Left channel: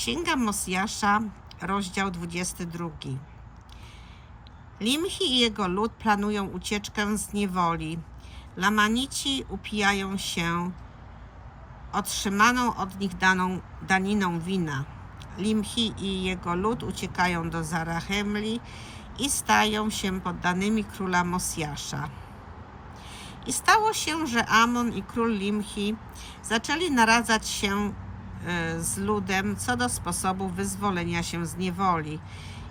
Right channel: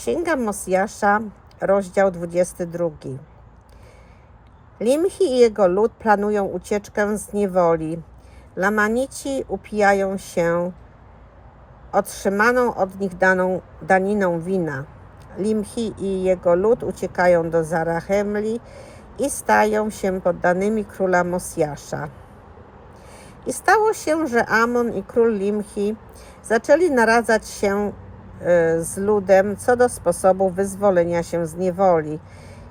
Księga Mosjasza, rozdział 22. Limchi i jego lud planują ucieczkę z niewoli. Lamanici upijają się otrzymaną od nich daną daniną wina. Limchi i jego lud uciekają do Zarachemli i stają się poddanymi króla Mosjasza. I stało się, że Amon i król Limchi zaczęli naradzać się z ludem co do sposobu wyzwolenia się z niewoli.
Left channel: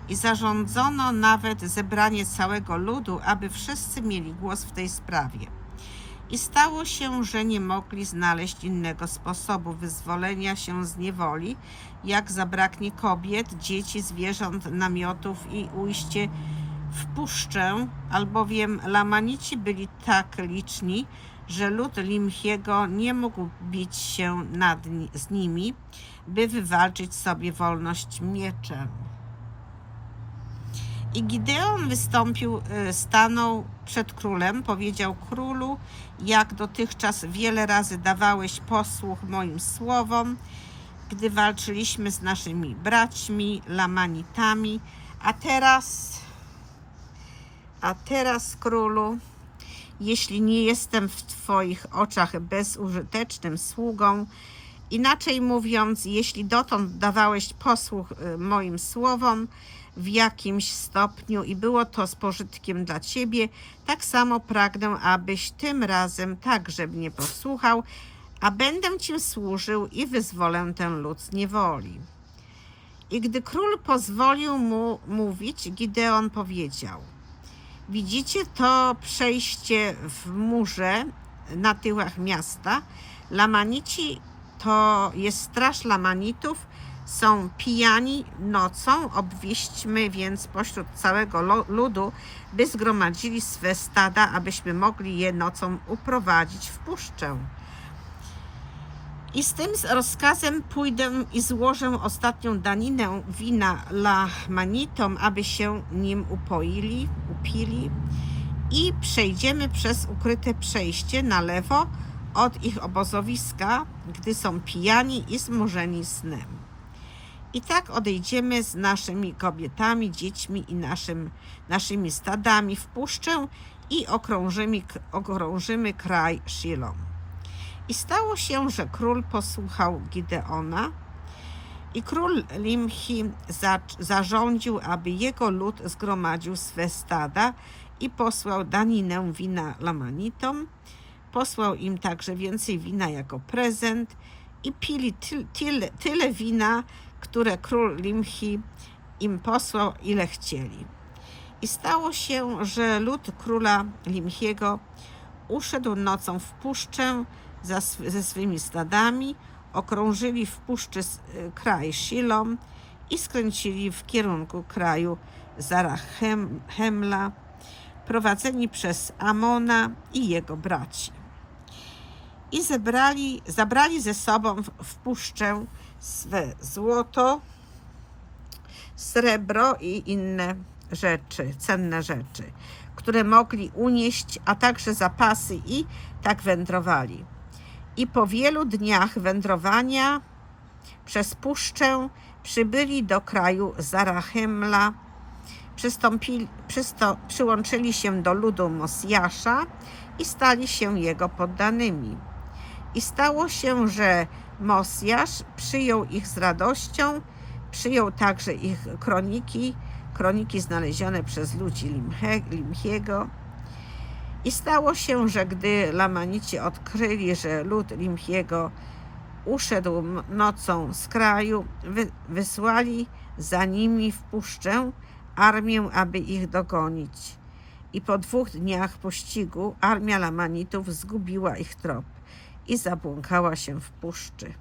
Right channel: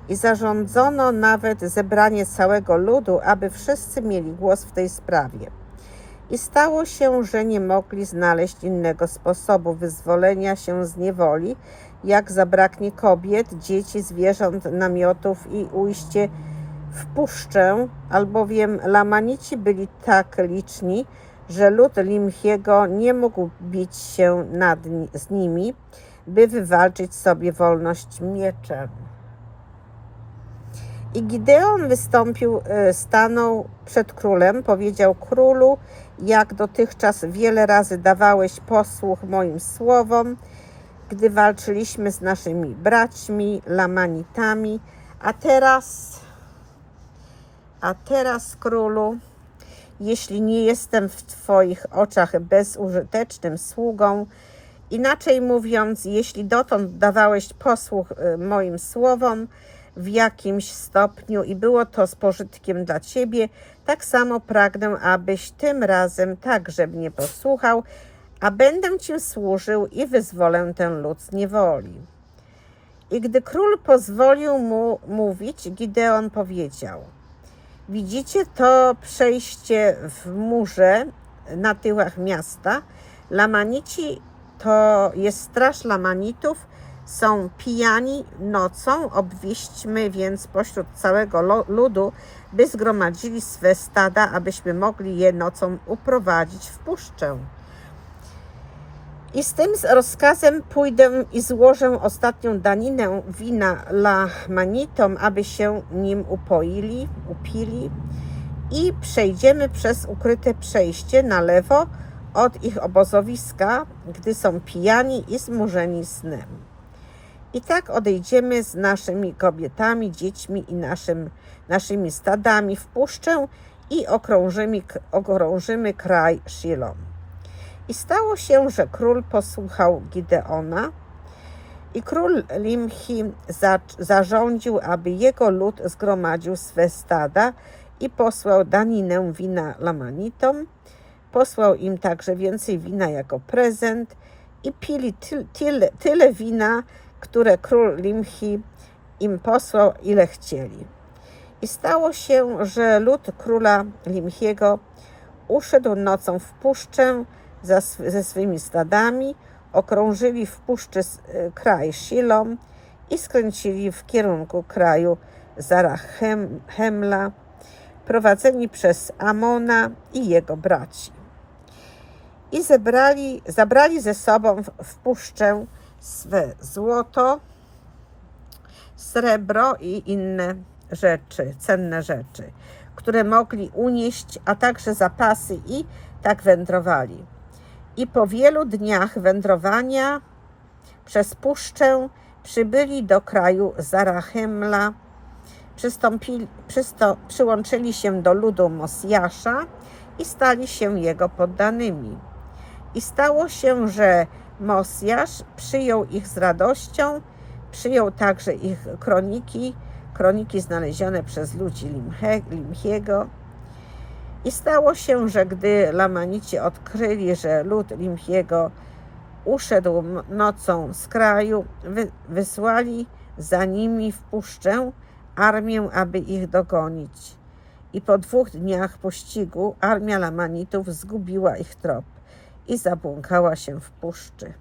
I zarządzono nawet zebranie całego ludu, aby wszyscy mieli głos w tej sprawie. I stało się, że nie mogli znaleźć innego sposobu wyzwolenia się z niewoli, jak zabraknie kobiet, dzieci, zwierząt, namiotów i ujście w puszczę, albowiem Lamanici byli tak liczni, że lud Limchiego nie mógł bić się nad z nimi, by wywalczyć sobie wolność mieczem. I Gideon wystąpił, e, stanął przed królem, powiedział królu, jak dotychczas wiele razy dawałeś posłuch moim słowom, gdy walczyliśmy z naszymi braćmi, Lamanitami, a teraz, a teraz królu, jeśli nie jestem w Twoich oczach bezużytecznym sługą, inaczej mówiąc, jeśli dotąd dawałeś posłuch y, moim słowom w jakimś stopniu i było to z pożytkiem dla Ciebie, tak samo pragnę, abyś tym razem także mnie posłuchał, a będę Ci służył i wyzwolę ten lud z niewoli. I gdy król pozwolił mu mówić, Gideon powiedział – Widzicie to przejście w murze na tyłach miasta. Lamanici to jest straż Lamanitów. Są pijani nocą. Obwieśćmy więc pośród całego ludu, by zgromadzili swe stada, abyśmy mogli je nocą uprowadzić w puszczę. I z tym rozkazem pójdę i złożę ostatnią daninę wina Lamanitom, aby się nim upoili, upili i przejdziemy przez ukryte przejście na lewo od ich obozowiska, gdy są pijani i zmurzeni snem. I tak odejdziemy z naszymi kobietami, dziećmi i naszym, naszymi stadami w puszczę i okrążymy, okrążymy kraj Shilom. I stało się, że król posłuchał Gideona i król Limchi za, zarządził, aby jego lud zgromadził swe stada i posłał daninę wina Lamanitom. Posłał im także więcej wina jako prezent i pili ty, tyle, tyle wina, które król Limchi im posłał, ile chcieli. I stało się, że lud króla Limchiego uszedł nocą w puszczę ze swymi stadami, okrążyli w puszczy e, kraj Shilom i skręcili w kierunku kraju Zarachemla, prowadzeni przez Amona i jego braci. I zebrali, zabrali ze sobą w, w puszczę swe złoto, srebro i inne rzeczy, cenne rzeczy, które mogli unieść, a także zapasy i tak wędrowali. I po wielu dniach wędrowania przez puszczę przybyli do kraju Zarachemla, przysto, przyłączyli się do ludu Mosjasza i stali się jego poddanymi. I stało się, że Mosjasz przyjął ich z radością, przyjął także ich kroniki, kroniki znalezione przez ludzi Limche, Limchiego. I stało się, że gdy Lamanici odkryli, że lud Limchiego uszedł nocą z kraju, wy, wysłali za nimi w puszczę armię, aby ich dogonić. I po dwóch dniach pościgu armia Lamanitów zgubiła ich trop i zabłąkała się w puszczy.